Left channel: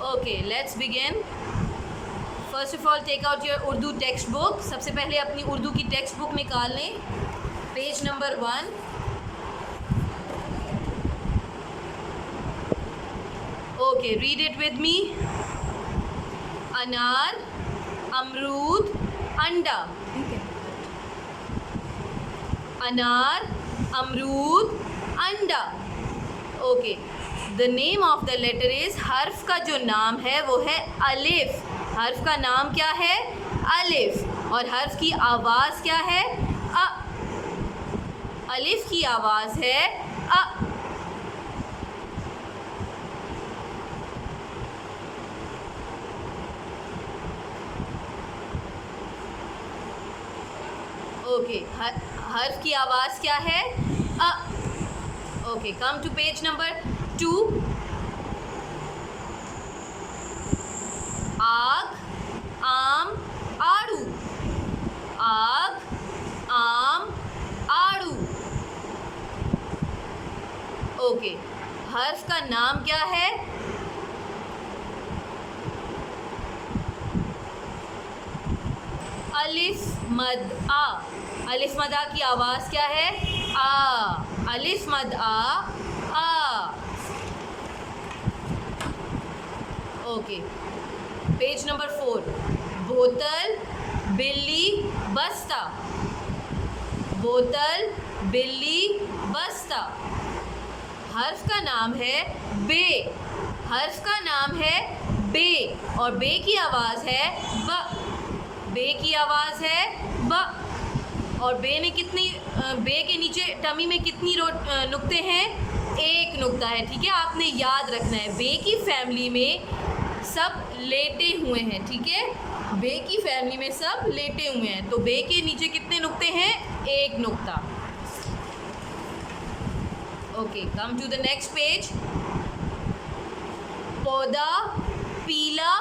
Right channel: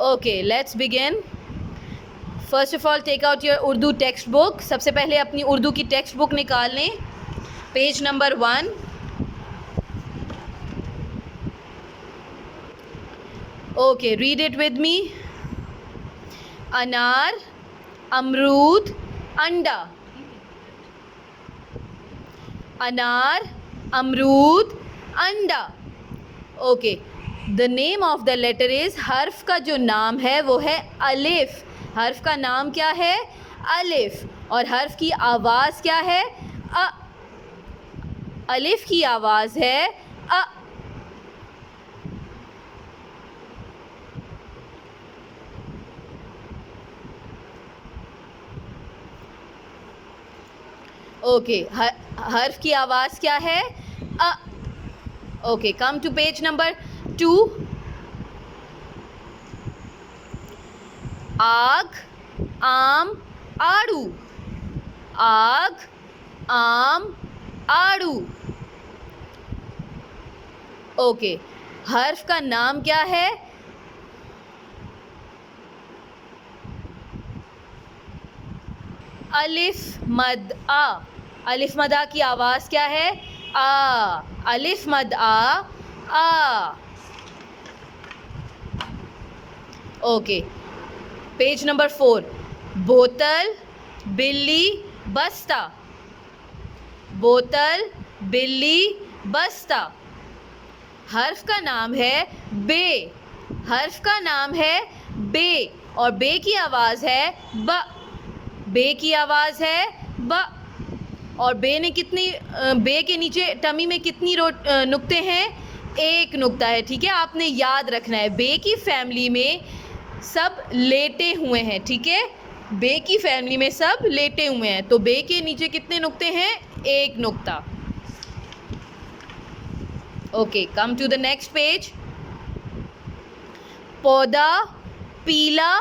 Okay, let's begin. First of all, take out your Urdu textbook. सबसे पहले अपनी उर्दू की टेक्स्ट बुक निकाल लें. Page number 1. Okay, read it with me. अनार, अमरूद, अंडा. अनार, अमरूद, अंडा. Okay. The name of the letter is, हर्फ का जो नाम है वो है अलिफ. हर्फ का नाम क्या है? अलिफ. और हर्फ की आवाज़ क्या है? अ. अलिफ की आवाज़ है अ. ओके, हर्फ की आवाज़ क्या है? Uh. Okay, come to page number 2. आग, आम, आड़ू. आग, आम, आड़ू. ओके, हर्फ का नाम क्या है? अलिफ मद आ. अलिफ मद आ की आवाज़ क्या है? आ. अलिफ मद आ. Okay, page number 4. बोतल, बिल्ली, बस्ता. बोतल, बिल्ली, बस्ता. हर्फ का नाम है बे. हर्फ का नाम है बे. और बे की आवाज़ है ब. बे की आवाज़ है ब. और बे के नीचे टमी में कितनी नुक्ते हैं? एक नुक्ता है. ठीक है, आपने याद रखना है. बे की फैमिली में सब लेटे हुए हैं. ठीक है, बे की फैमिली में सब लेटे हुए हैं. तो बे के नीचे कितने नुक्ते हैं? एक नुक्ता. Okay, come to the next page. पौधा, पीला.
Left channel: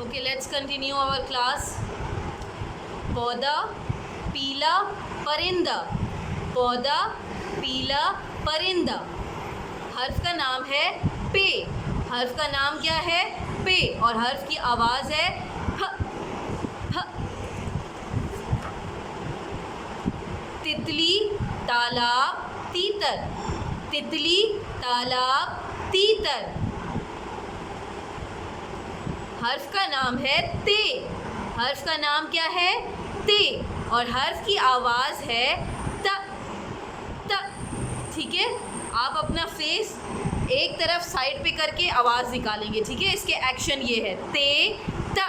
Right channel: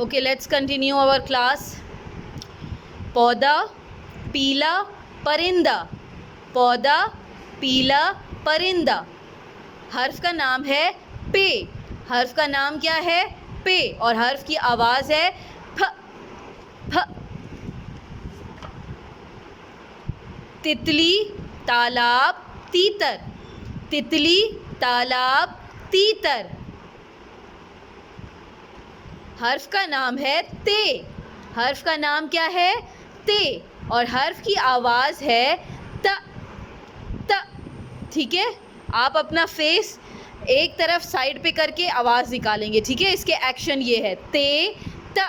Okay, let's continue our class. पौधा, पीला, परिंदा. पौधा, पीला, परिंदा. हर्फ का नाम है पे. हर्फ का नाम क्या है? पे. और हर्फ की आवाज़ है फ. फ. तितली, तालाब, तीतर. तितली, तालाब, तीतर. हर्फ का नाम है ते. हर्फ का नाम क्या है? ते. और हर्फ की आवाज़ है त. त. ठीक है, आप अपना फेस एक तरफ साइड पे करके आवाज़ निकालेंगे. ठीक है, इसके एक्शन ये है ते त.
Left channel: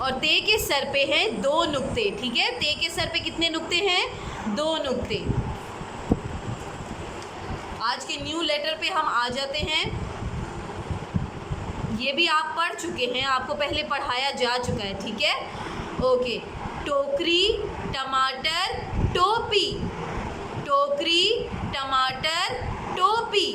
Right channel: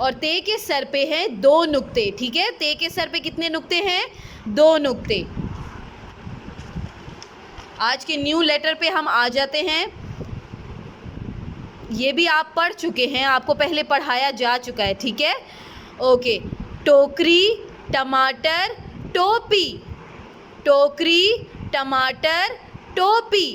और ते के सर पे हैं 2 नुक्ते. ठीक है, ते के सर पे कितने नुक्ते हैं? 2 नुक्ते. आज के न्यू लेटर पे हम आ जाते हैं. ये भी आप पढ़ चुके हैं, आपको पहले पढ़ाया जा चुका है. ठीक है, ओके. टोकरी, टमाटर, टोपी. टोकरी, टमाटर, टोपी.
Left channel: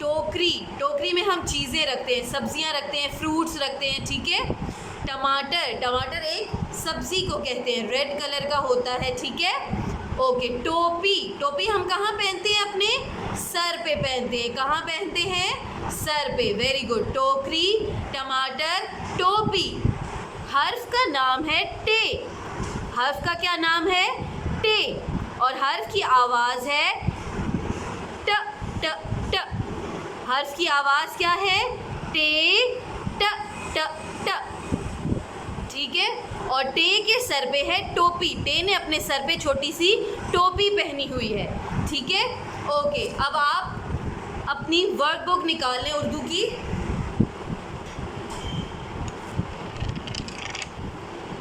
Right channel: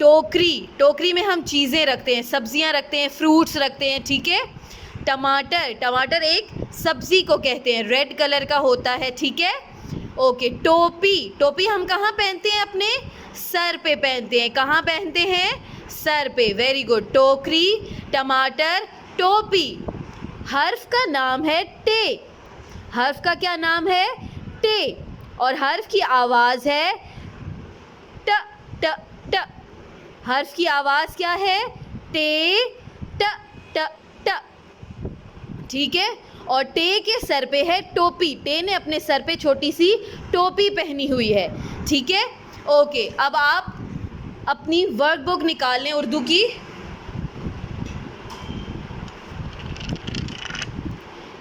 टोकरी, टोकरी में हम चीज़ें रखते हैं, सब्जियां रखते हैं, फ्रूट्स रखते हैं. ठीक है. टमाटर, टमाटर एक सब्ज़ी को कहते हैं, रेड कलर का होता है. ठीक है, ओके. टोपी, टोपी हम कहाँ पहनते हैं? अपने सर पे पहनते हैं. कहाँ पहनते हैं? सर पे. Very good. टोकरी, टमाटर, टोपी. हर्फ का नाम है टे. हर्फ का क्या नाम है? टे. और हर्फ की आवाज़ है ट. ट. ट. हर्फ की आवाज़ क्या है? टे ट. ट. ट. ठीक है, और टे के सर पे है टोपी. टे ने अपने सर पे छोटी सी टोपी पहनी हुई है. ठीक है, ओके. अब आप अपनी वर्कबुक निकाल लें उर्दू की.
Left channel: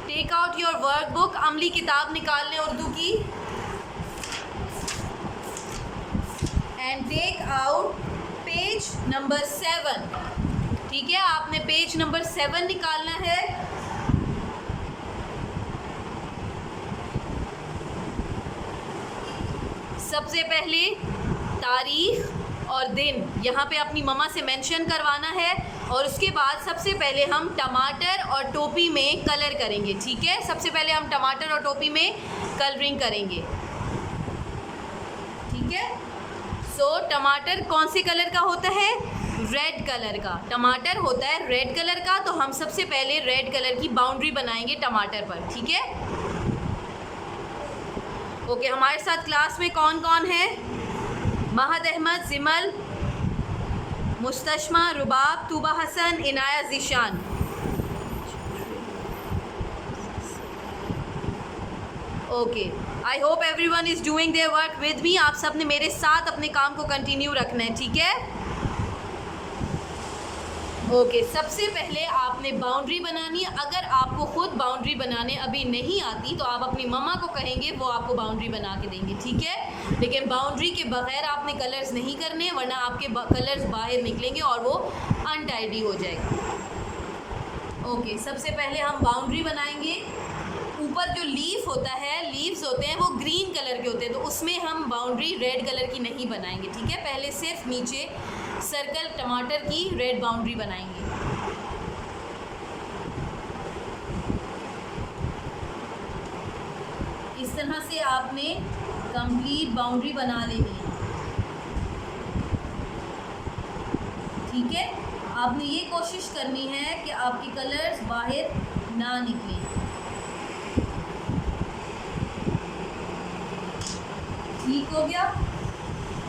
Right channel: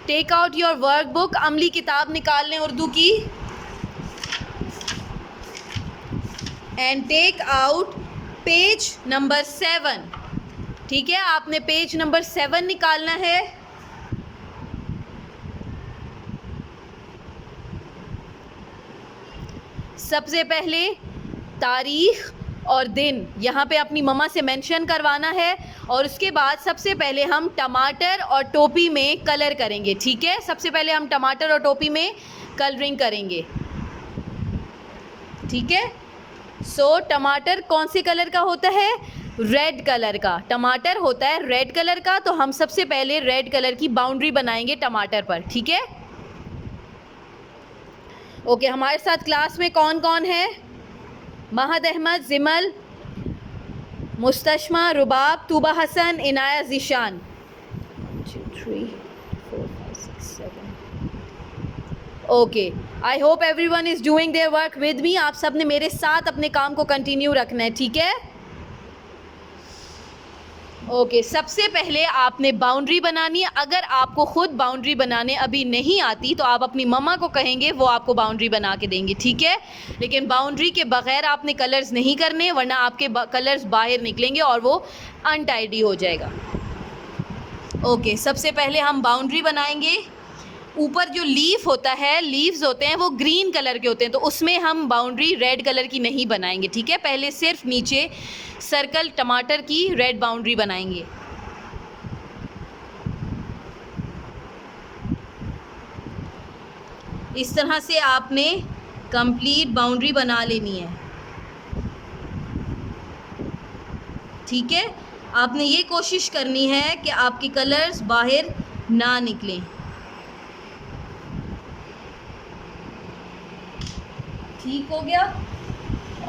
Take out your workbook. अमली किताब निकाल लें उर्दू की. And take out page number 7. ठीक है, आपने पेज नंबर 7 निकालना है. सबसे पहले तारीख और दिन यहाँ पे अपनी मम्मा से मेंशन करवाना है. और उसके बाद सबसे पहले हम टमाटर और टोपी में कलर करेंगे. ठीक है, सबसे पहले हम टमाटर और टोपी में कलरिंग करेंगे, ठीक है। सो टमाटर कौन से कलर का होता है? रेड कलर का। टमाटर होता है रेड कलर का, तो हम सबसे पहले रेड कलर की बाउंड्री बनाएंगे टमाटर पर, ठीक है। ओके, हमारे साथ क्लास में कौन कौन है? Mahad Ahmed, Jimal, Mustashma, Rubab, Tuba Hasan, Inaya, Zeeshan. Okay, I hope everyone is doing their work with me. आप सब ने मेरे साथ अपने काम को कंटिन्यू रखना है, ठीक है। ओके, सबसे पहले आपने बाउंड्री बनानी है। अगर आपको ख़ुद बाउंड्री बनाने अभी नहीं आती तो आप अपनी मम्मा को कहेंगे, वो आपको बाउंड्री बना के देंगे, ठीक है। लेकिन बाउंड्री के बग़ैर आपने कलर्स नहीं करने, वरना आपके कलर्स बाहर निकलेंगे और वो अनटाइडी हो जाएगा। ओके, सबसे पहले हम बाउंड्री बनाएंगे। ऊपर जो लीफ होता है, लीव्स होते हैं वो ग्रीन कलर के होते हैं, तो उसमें हम बाउंड्री रेड कलर की नहीं बनाएंगे, ठीक है। पहले सिर्फ नीचे सर्कल टमाटर की रेड बाउंड्री बनाएंगे। इस तरह से आपने कंप्लीट बाउंड्री बना लेनी है, ठीक है। आपने ये कोशिश करनी है कि आपके कलर्स बाहर ना निकलें। ठीक हो गया।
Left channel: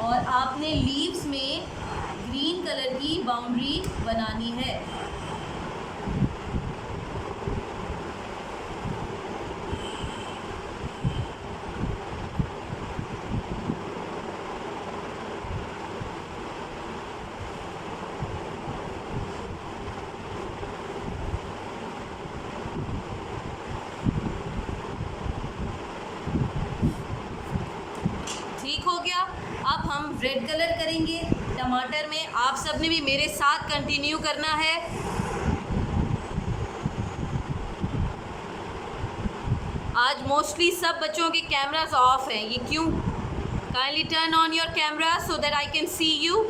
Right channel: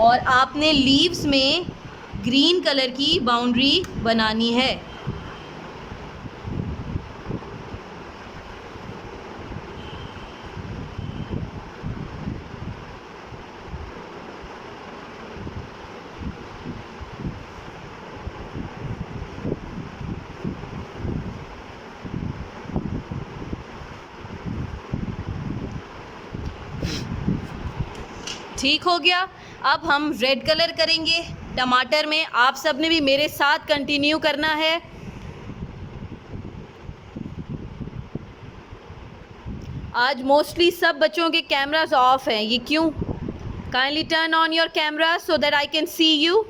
और आपने लीव्स में ग्रीन कलर की बाउंड्री बनानी है। ठीक हो गया। अब हम रेड कलर करेंगे टमाटर में। आप सब ने भी मेरे साथ कंटिन्यू करना है। आज मोस्टली सब बच्चों के कैमरास ऑफ हैं, ये क्यों? Kindly turn on your camera so that I can see you.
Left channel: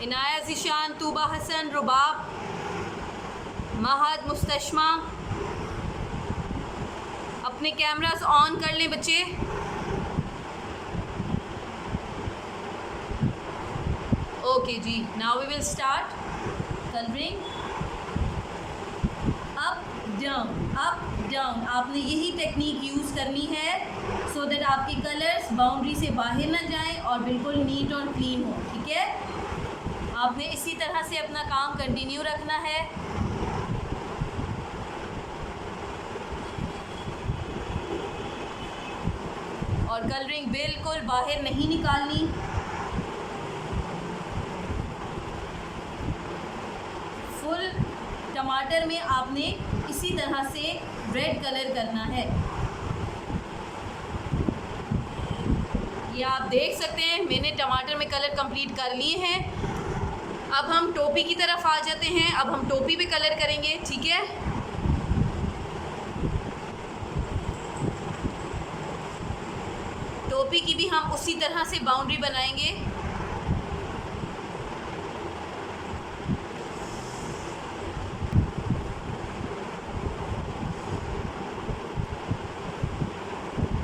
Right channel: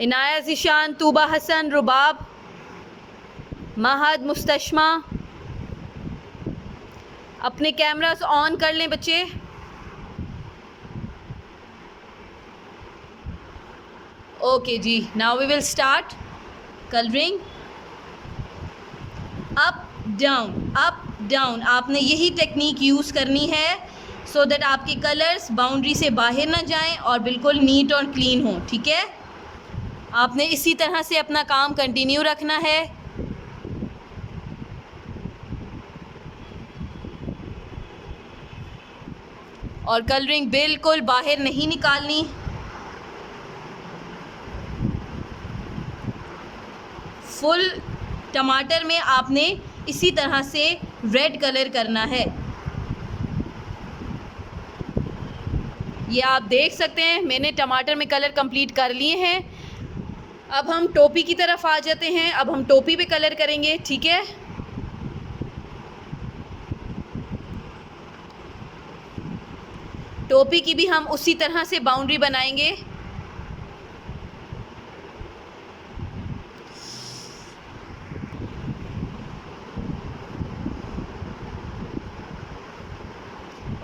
Inaya, Zeeshan, Tuba Hasan, Rubab, Mahad, Mustashma, अपने कैमरास ऑन कर लें बच्चे। ओके जी, now we will start colouring. Up down, up down, आपने यही टेक्निक यूज़ करनी है सो दैट आपके कलर्स बाउंड्री से बाहर ना जाएं और बिल्कुल नीट और क्लीन हो, ठीक है। आपने इसी तरह से अपना काम कंटिन्यू रखना है। और कलरिंग बिल्कुल बाहर नहीं निकालनी। फुल टमाटर में आपने इसी तरह से रेड कलर करना है। ये आप देख सकते हैं मैंने टमाटर में कलर कंप्लीट कर लिए हैं। अब हम टोपी की तरफ आ जाते हैं। अब हम टोपी पे कलर करेंगे, ठीक है। टोपी की भी हम उसी तरह से बाउंड्री बनाएंगे।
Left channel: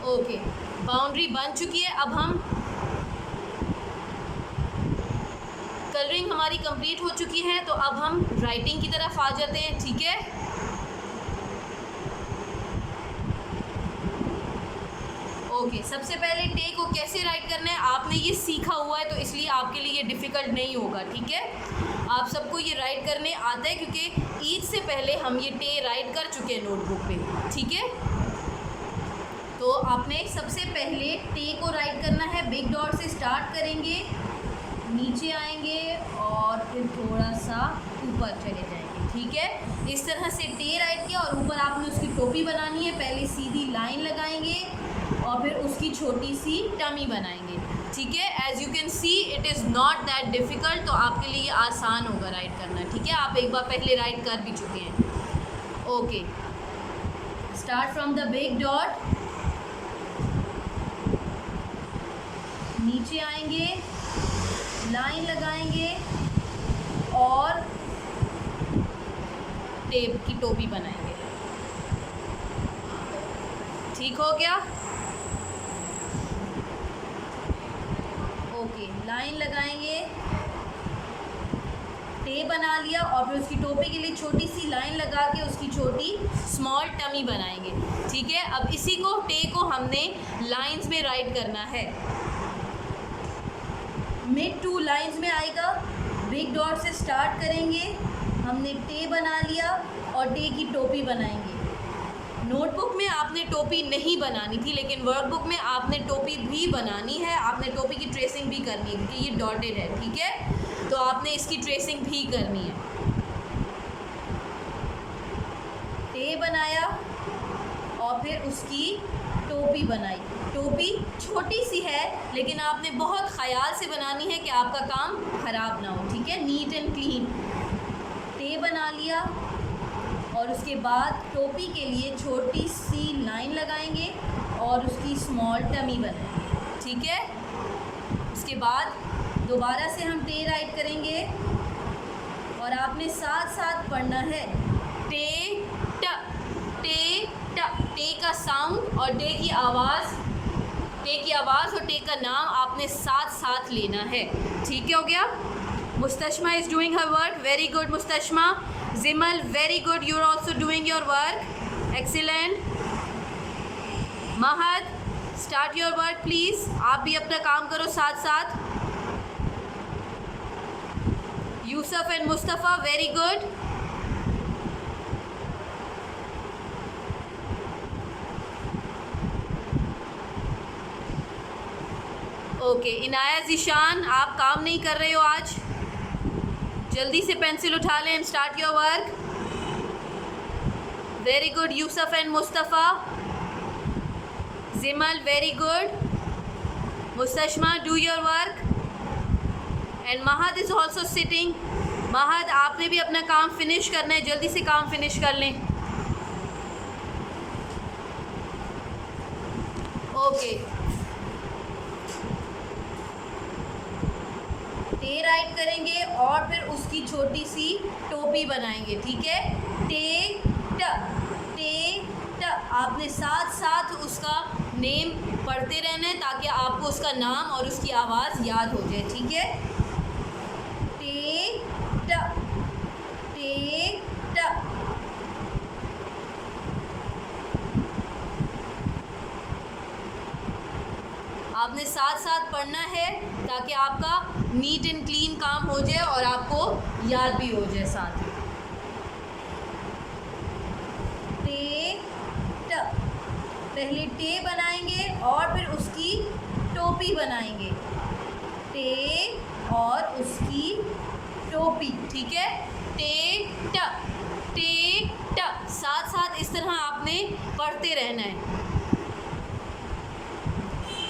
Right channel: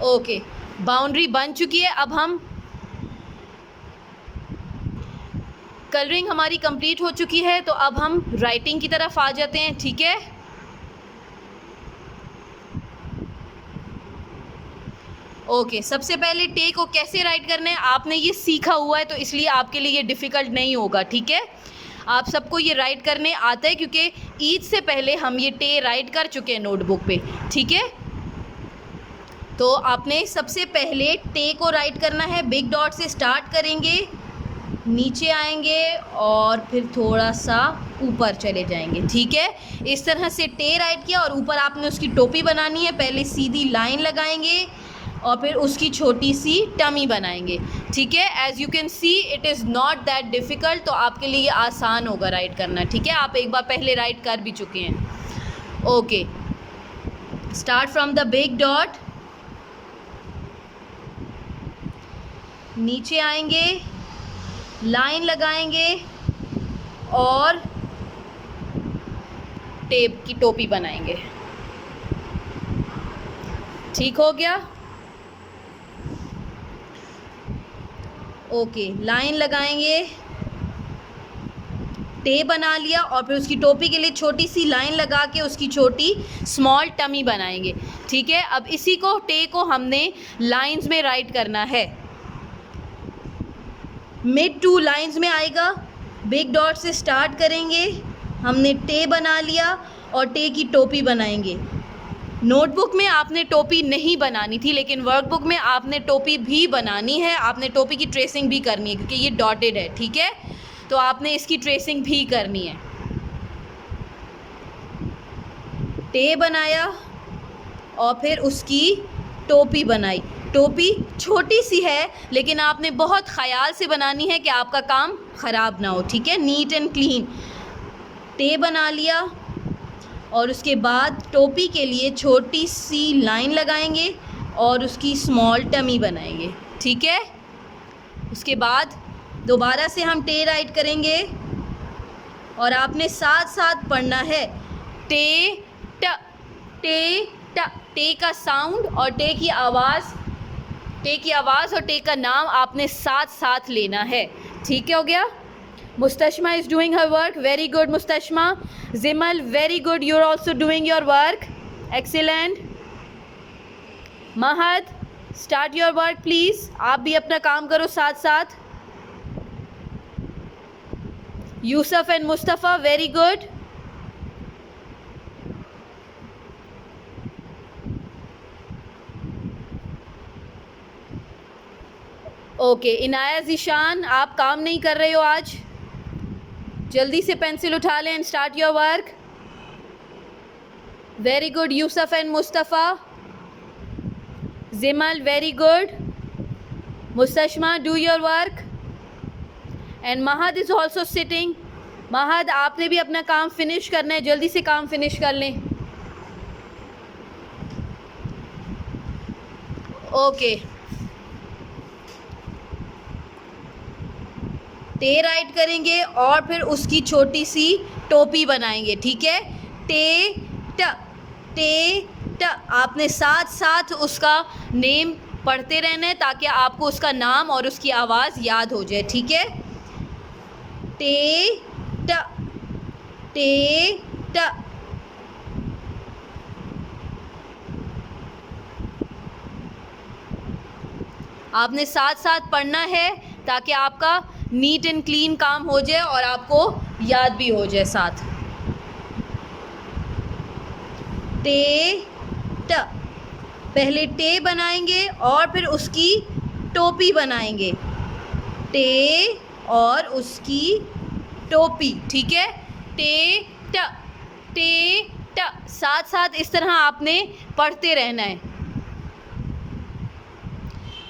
ओके, बाउंड्री बन चुकी है। अब हम कलरिंग हमारी कंप्लीट हो चुकी है, तो अब हम राइटिंग की तरफ आ जाते हैं, ठीक है। ओके, सबसे पहले टे को कैसे राइट करना है आपने ये सीखा हुआ है, तो इसलिए आपके लिए ये डिफ़िकल्ट नहीं होगा, ठीक है। आप सबको ये राइट करने आता है क्योंकि ईद से पहले हम ये टे राइट कर चुके हैं नोटबुक पे, ठीक है। तो आपने सबसे पहले टे को राइट करना है। बिग डॉट से स्टार्ट करेंगे, नीचे आएंगे और फिर थोड़ा सा ऊपर चले जाएंगे, ठीक है। इस तरह से टे राइट किया और ऊपर आपने उसकी टोपी बनानी है। पहले सीधी लाइन लगाएंगे और फिर उसकी छोटी सी टमी बनाएंगे, ठीक है। As you can see it is not that difficult, तो आपके लिए आसान होगा राइट करना, ठीक है। आप एक बार पहले राइट कर भी चुके हैं। Okay, start from the big dot, नीचे आएंगे, लाइन लगाएंगे और टेप की टोपी बनाएंगे। ठीक हो गया? ओके, लाइन लगाएंगे, टे बना लिया और फिर उसकी टोपी के लिए छोटी सी लाइन लगा के उसकी छोटी स्मॉल टमी बनाएंगे। ठीक है, अब इसी को टे को हमने लाइंस में राइट करना है। मिड टू लाइंस में आएगा, बिग डॉट से स्टार्ट करेंगे, हमने टे बना लिया और टे की टोपी बनाएंगे। नोटबुक में आपने टोपी नहीं बनानी थी, लेकिन वर्कबुक में आपने टोपी भी बनानी है, आपने टोपी की ट्रेसिंग भी करनी है क्योंकि ये डॉटेड है। ठीक है, तो आपने इसकी ट्रेसिंग भी करनी है। टे बनाया और फिर उसकी टोपी बनाई। टोपी छोटी सी है लेकिन आपने बहुत ख्याल से बनानी है कि आपका काम ख़राब ना हो। ठीक है, नीट एंड क्लीन। टे बना लिया और उसके बाद टोपी के लिए छोटी सी लाइन लगाएंगे और उसकी स्मॉल टमी बनाएंगे। ठीक है, उसके बाद दोबारा से हम टे राइट करेंगे और आपने साथ साथ पढ़ना है टे ट, टे ट। टे का साउंड और टे की आवाज़ और टे का नाम आपने साथ साथ लेना है। ठीक है, हो गया? Mustashma is doing her work, very good Mustashma. Jimal, very good, you are also doing your work, excellent. Mahad, start your work please, आप भी अपना काम करो साथ साथ। Yusuf and Mustafa, very good. Okay, Inaya Zeeshan, आप काम नहीं कर रहे हो आज, जल्दी से पेंसिल उठा लें and start your work. Very good Yusuf and Mustafa. Jimal, very good. Mustashma, do your work. And Mahad is also sitting. Mahad, आपने भी अपना काम फिनिश करना है, जल्दी से काम फिनिश कर लें। ओके, टे राइट करेंगे और फिर उसकी छोटी सी टोपी बनाएंगे। ठीक है, टे ट, टे ट। आपने साथ साथ उसका नेम पढ़ते रहना है ताकि आपको उसका नाम और उसकी आवाज़ याद हो जाए। ठीक है, टे ट, टे ट। आपने साथ साथ पढ़ना है ताकि आपका नीट एंड क्लीन काम हो जाए और आपको याद भी हो जाए साथ। टे ट, पहले टे बनाएंगे और फिर उसकी टोपी बनाएंगे। टे और उसकी टोपी। ठीक है, टे ट, टे ट। साथ साथ इस तरह आपने पढ़ते रहना है,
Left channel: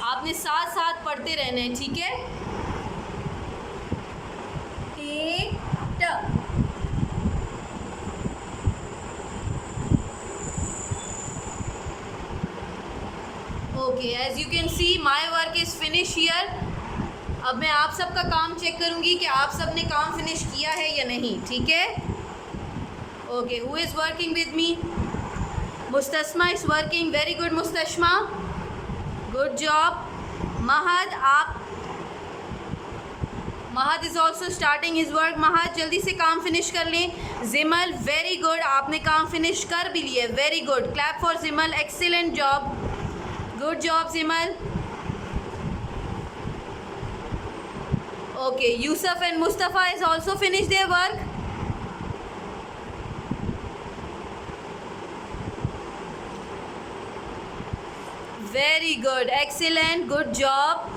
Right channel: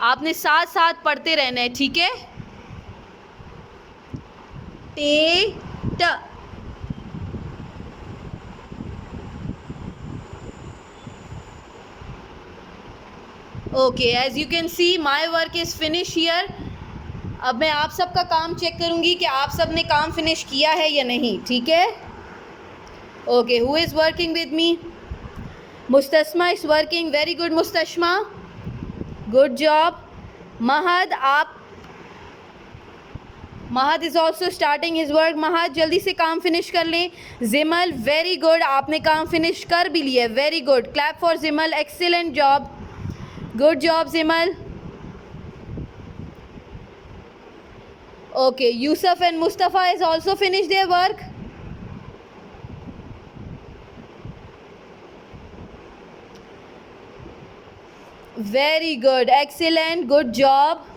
आपने साथ साथ पढ़ते रहना है। ठीक है, टे ट। Okay, as you can see my work is finish here. अब मैं आप सबका काम चेक करूँगी कि आप सब ने काम फिनिश किया है या नहीं। ठीक है, okay, who is working with me? Mustasma is working, very good Mustasma, good job. Mahad is also starting his work. Mahad, जल्दी से काम फिनिश कर लें। जिमल, वेरी गुड, आपने काम फिनिश कर भी लिया, very good, clap for Jimal, excellent job, good job Jimal. Okay, Yusuf and Mustafa is also finish their work. Very good, excellent, good job.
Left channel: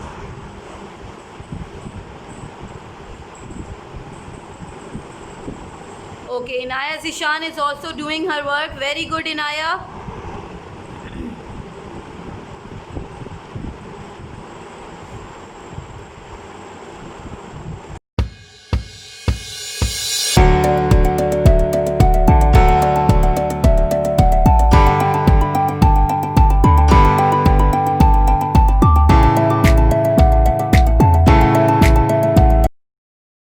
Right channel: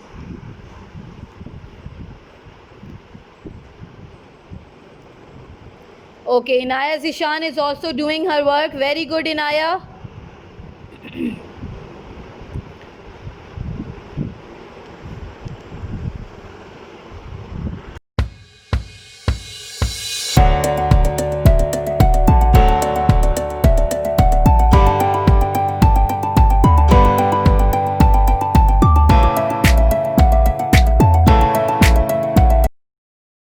Okay, Inaya Zeeshan is also doing her work, very good Inaya.